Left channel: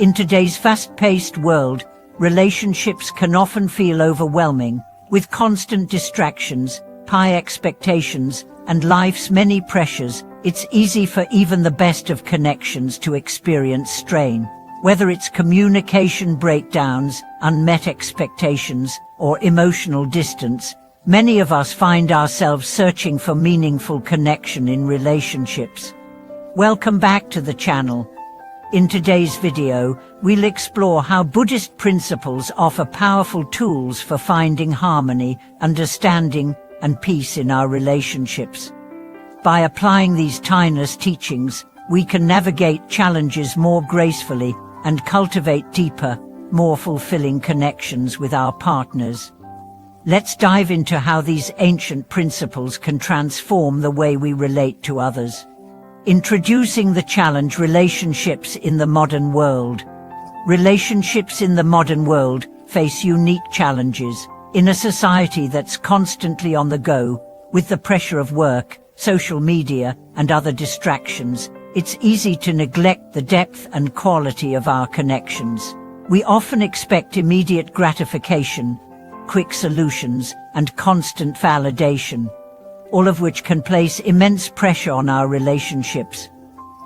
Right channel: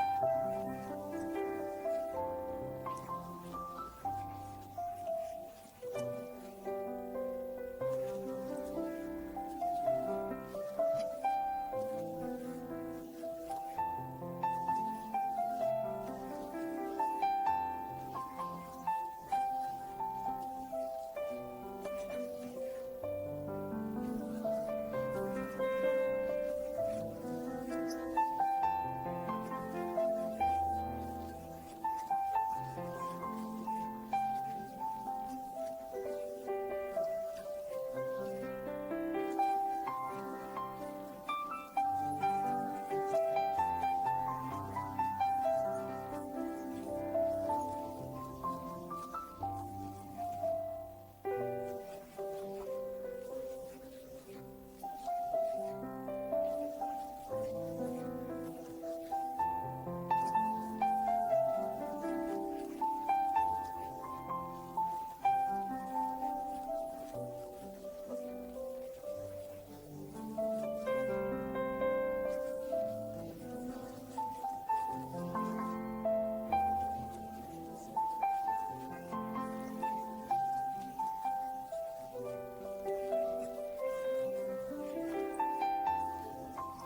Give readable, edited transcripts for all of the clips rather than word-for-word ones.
In today's fast-paced world, relationships can often feel overwhelming, with constant distractions, high expectations, and life's many pressures. It's easy for even the best of connections to experience strain. Whether it's communication breakdowns, unmet expectations, or emotional distance, many of us find ourselves searching for meaningful connection in relationships. Welcome back to the channel. In today's video, we'll explore how Buddhist principles offer powerful tools for finding harmony, understanding, and peace in our relationships. By applying these timeless teachings, we can navigate challenges more gracefully and cultivate deeper, more fulfilling connections with our partners. Let's dive into how these ancient principles can transform the way we relate to others. Introducing the challenge: relationships in the modern world. Relationships in the modern world face unique challenges. In a society that's constantly on the go, with the pressure of work, social media, and other distractions, it's easy to neglect the depth and quality of our connections. We often expect immediate gratification, quick solutions, and constant validation, all of which can place immense pressure on our relationships.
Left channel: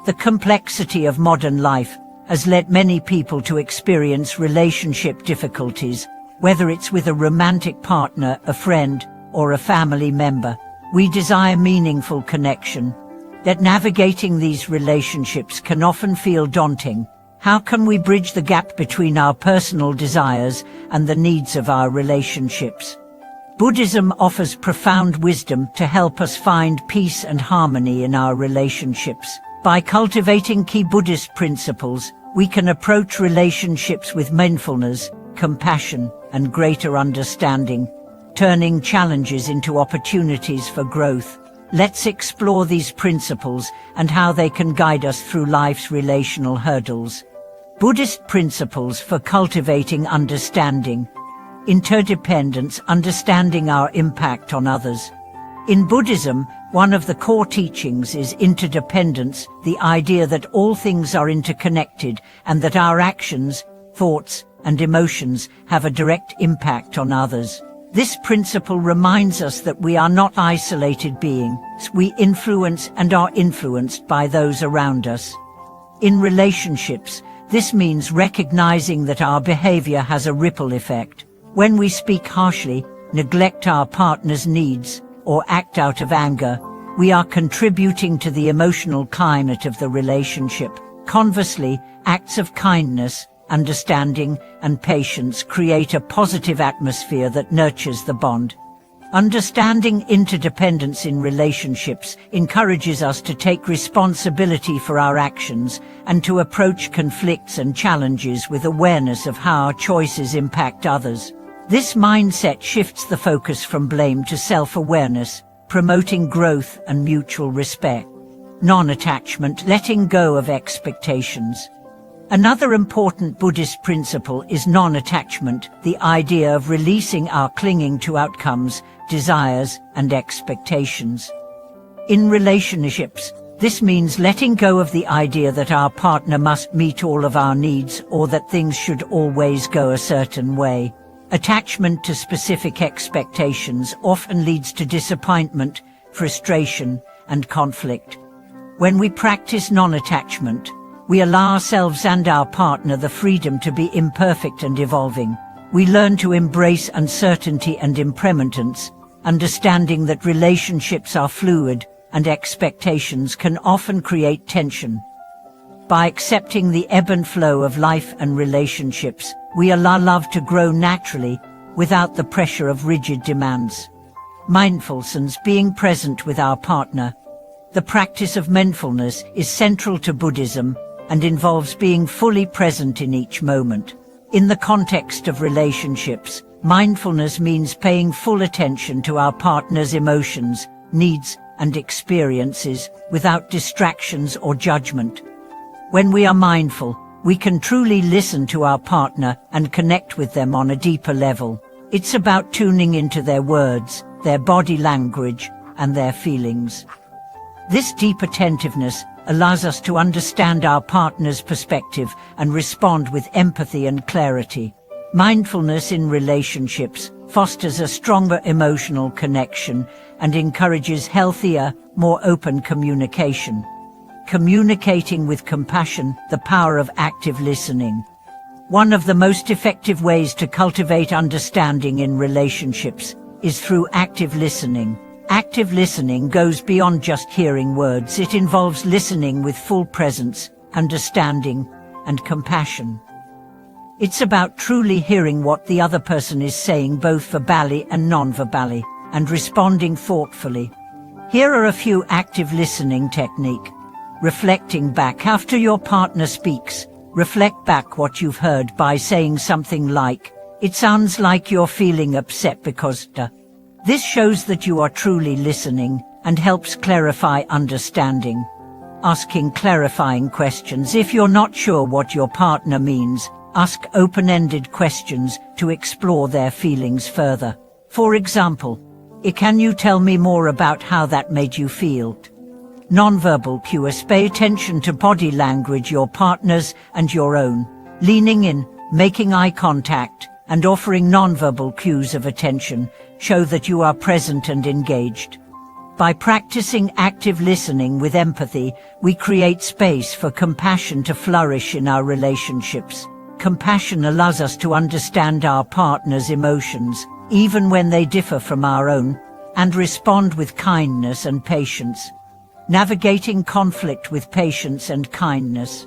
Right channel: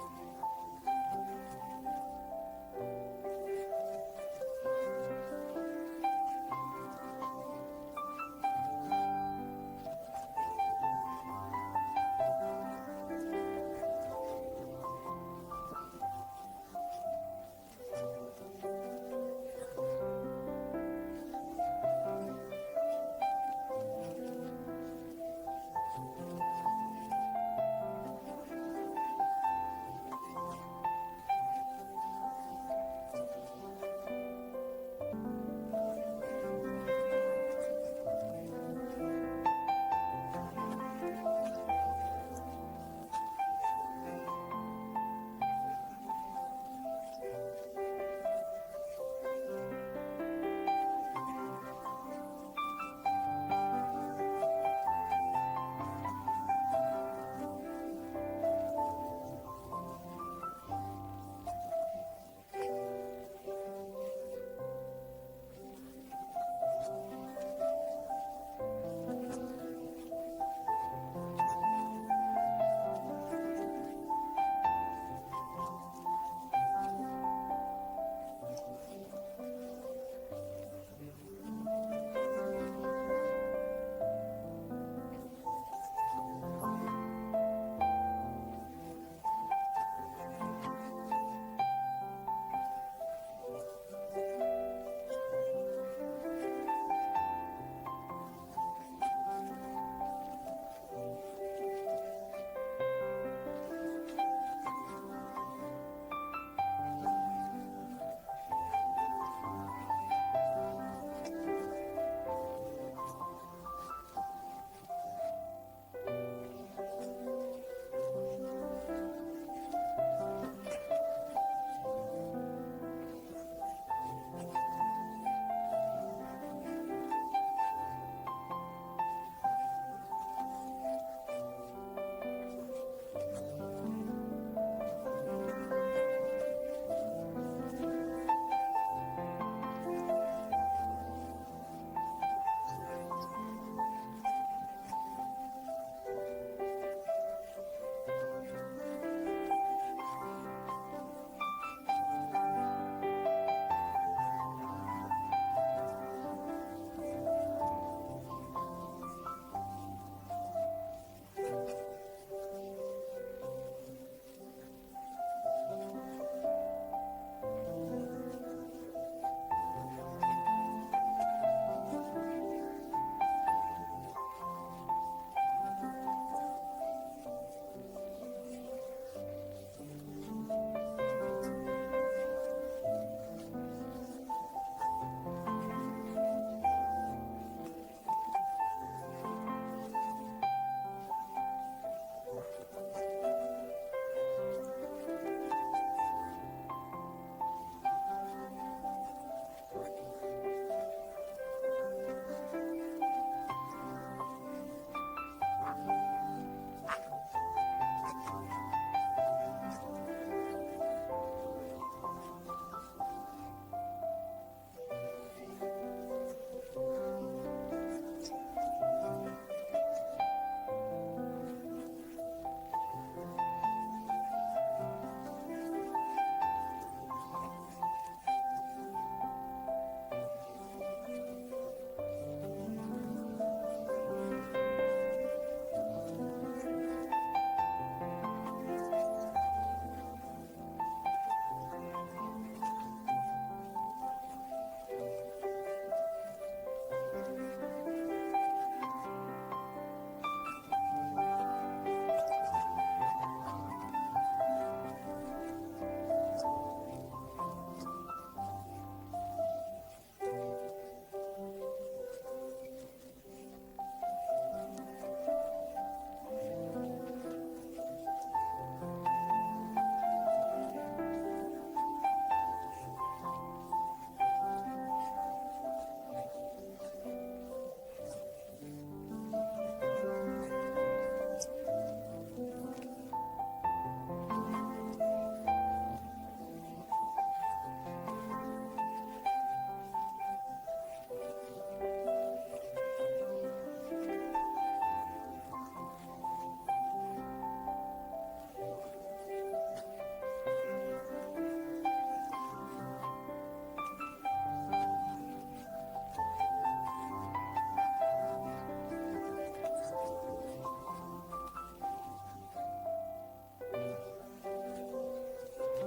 The complexity of modern life has led many people to experience relationship difficulties, whether it's with a romantic partner, a friend, or a family member. We desire meaningful connection, yet navigating these relationships can often feel daunting. How can we bridge the gap between our personal desires and the needs of our relationships? Buddhism offers profound wisdom to help us find peace and harmony in our relationships. By cultivating key Buddhist principles, we can approach relationships with mindfulness, compassion, and greater understanding, turning challenges into opportunities for growth. Let's explore these principles and how they can guide us through life's relational hurdles. Buddhist principles for cultivating understanding. Interdependence: understanding our impact on others. In Buddhism, one of the core teachings is interdependence, the idea that all things are interconnected and that our actions, thoughts, and emotions have a direct impact on others. This principle reminds us that we are not isolated beings. We influence and are influenced by those around us. In relationships, this means recognizing that our behavior has a ripple effect. When we speak harshly, neglect our partner's needs, or act out of anger, we are contributing to the emotional climate of the relationship. Conversely, acts of kindness, understanding, and patience create a positive atmosphere that nurtures the bond. Understanding interdependence in relationships encourages us to take responsibility for our actions and to approach conflicts and challenges with awareness of how our choices impact others. This mindset shifts the focus from blame to self-awareness, promoting growth and mutual respect. Non-attachment: letting go of expectations. Another important Buddhist principle is non-attachment, the idea of releasing our clinging to outcomes, desires, and expectations. In relationships, this means letting go of the idea that our partner must meet all of our needs or that things should always go a certain way. Attachment to specific expectations often leads to disappointment, frustration, and conflict. When we practice non-attachment, we allow ourselves and our partner the freedom to be imperfect and evolving. We learn to embrace uncertainty and impermanence, understanding that relationships are fluid and expectations can often create tension. By accepting the ebb and flow of life and relationships, we allow love to grow naturally without the pressure of rigid demands. Mindfulness: being present with our partner. The practice of mindfulness is central to Buddhism and involves being fully present in each moment. In the context of relationships, mindfulness means paying full attention to our partner's emotions, needs, and experiences without distractions or judgment. When we are mindful, we can truly listen to our partner and connect with them on a deeper level. It's about tuning into their words, their body language, and their feelings. This deep attentiveness allows us to understand our partner's perspective and respond with empathy and clarity. Mindfulness in relationships fosters a stronger emotional connection and encourages healthier, more open communication. Communicating with compassion, the power of active listening. One of the most effective ways to cultivate understanding in relationships is through active listening. Active listening goes beyond just hearing words. It involves listening with full presence, understanding, and compassion. It's about truly hearing what the other person is saying, both verbally and non-verbally, and responding thoughtfully. Here are a few active listening techniques. Reflecting back. After your partner speaks, reflect back what you've heard by saying something like, "It sounds like you're feeling upset because duh." This shows that you are truly listening and helps clarify understanding. Asking clarifying questions. If you're not sure what your partner means, ask open-ended questions to explore their feelings further. For example, can you tell me more about how that made you feel? Nonverbal cues. Pay attention to body language, your partner's and your own. Leaning in, making eye contact, and offering nonverbal cues of attention show that you are present and engaged. By practicing active listening with empathy, we create space for compassion to flourish in our relationships. Compassion allows us to understand our partner's emotions, even when they differ from our own, and respond with kindness and patience. Navigating conflict with patience and kindness.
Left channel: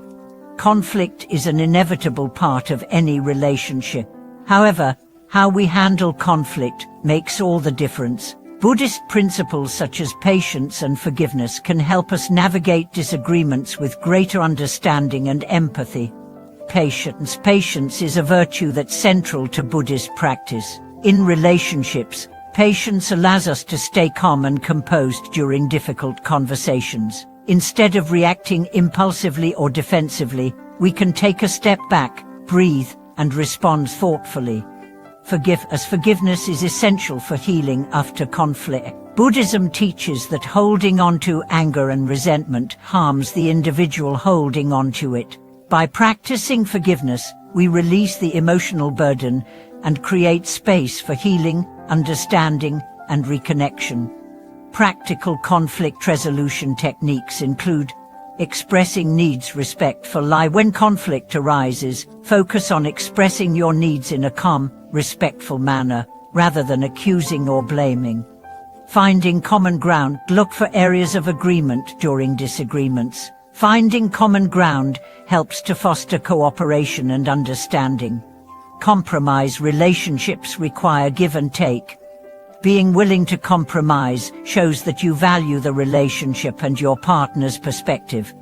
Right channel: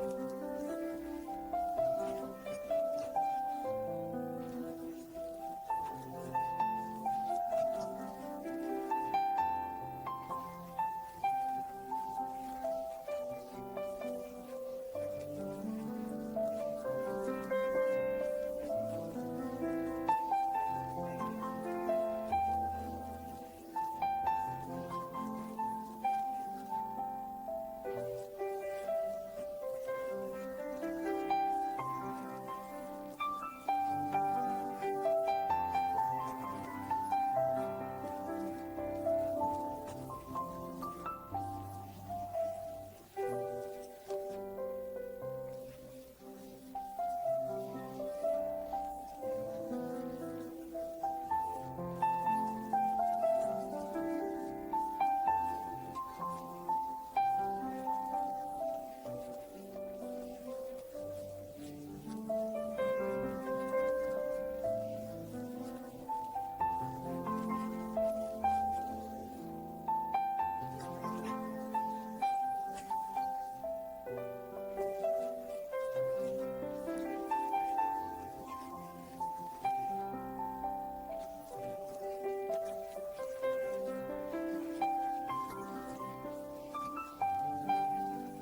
Conflict is an inevitable part of any relationship. However, how we handle conflict makes all the difference. Buddhist principles such as patience and forgiveness can help us navigate disagreements with greater understanding and empathy. Patience. Patience is a virtue that's central to Buddhist practice. In relationships, patience allows us to stay calm and composed during difficult conversations. Instead of reacting impulsively or defensively, we can take a step back, breathe, and respond thoughtfully. Forgiveness is essential for healing after conflict. Buddhism teaches that holding on to anger and resentment harms the individual holding on to it. By practicing forgiveness, we release the emotional burden and create space for healing, understanding, and reconnection. Practical conflict resolution techniques include expressing needs, respectful. When conflict arises, focus on expressing your needs in a calm, respectful manner, rather than accusing or blaming. Finding common ground. Look for areas of agreement during disagreements. Finding common ground helps to foster cooperation and understanding. Compromise. Relationships require give and take. Being willing to compromise shows that you value the relationship and your partner's perspective.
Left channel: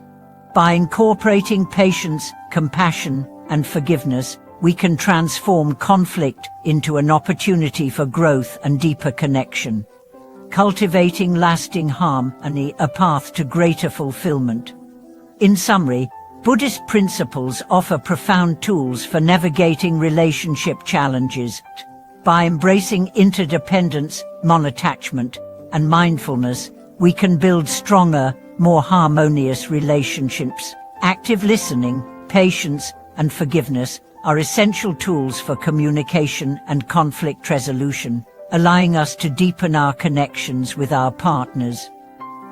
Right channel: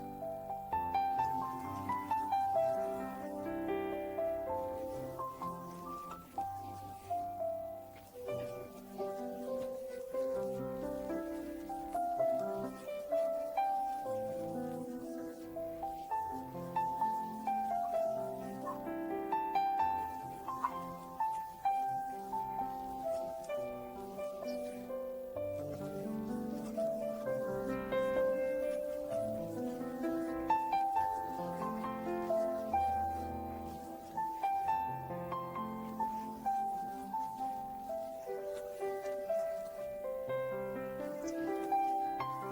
By incorporating patience, compassion, and forgiveness, we can transform conflict into an opportunity for growth and deeper connection. Cultivating lasting harmony, a path to greater fulfillment. In summary, Buddhist principles offer profound tools for navigating relationship challenges. By embracing interdependence, non-attachment, and mindfulness, we can build stronger, more harmonious relationships. Active listening, patience, and forgiveness are essential tools for communication and conflict resolution, allowing us to deepen our connections with our partners.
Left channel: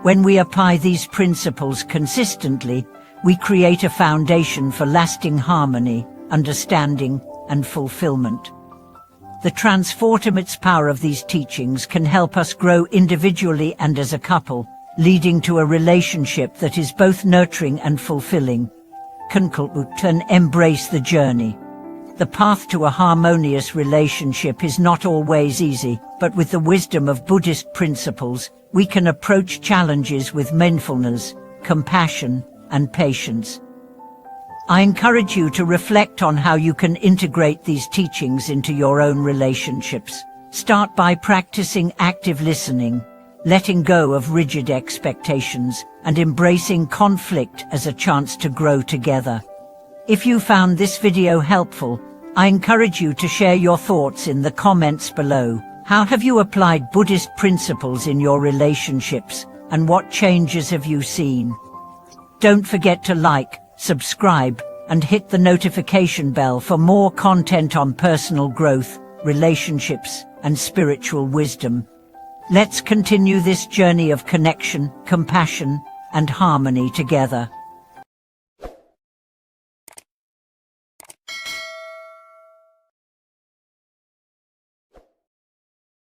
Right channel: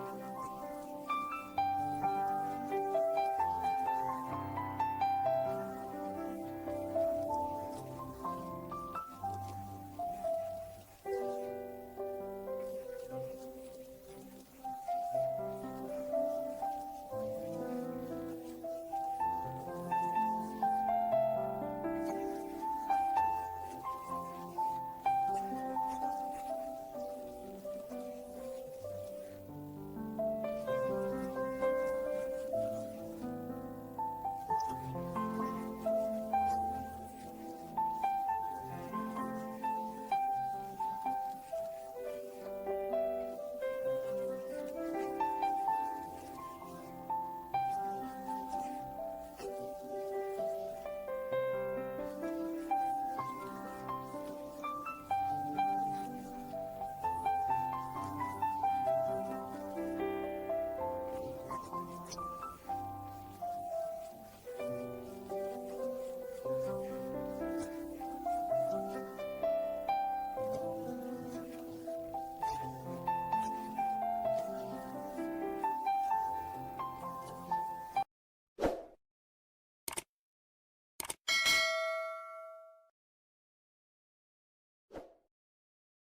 When we apply these principles consistently, we create a foundation for lasting harmony, understanding, and fulfillment. The transformative power of these teachings can help us grow individually and as a couple, leading to a relationship that is both nurturing and fulfilling. And embrace the journey. The path to a harmonious relationship is not always easy, but with the wisdom of Buddhist principles, we can approach challenges with mindfulness, compassion, and patience. I encourage you to reflect on how you can integrate these teachings into your own relationships. Start by practicing active listening, letting go of rigid expectations, and embracing conflict as a chance to grow together. If you found this video helpful, I encourage you to share your thoughts in the comments below. How have you applied Buddhist principles in your relationships, and what changes have you seen? Don't forget to like, subscribe, and hit the notification bell for more content on personal growth, relationships, and spiritual wisdom. Let's continue this journey of connection, compassion, and harmony together.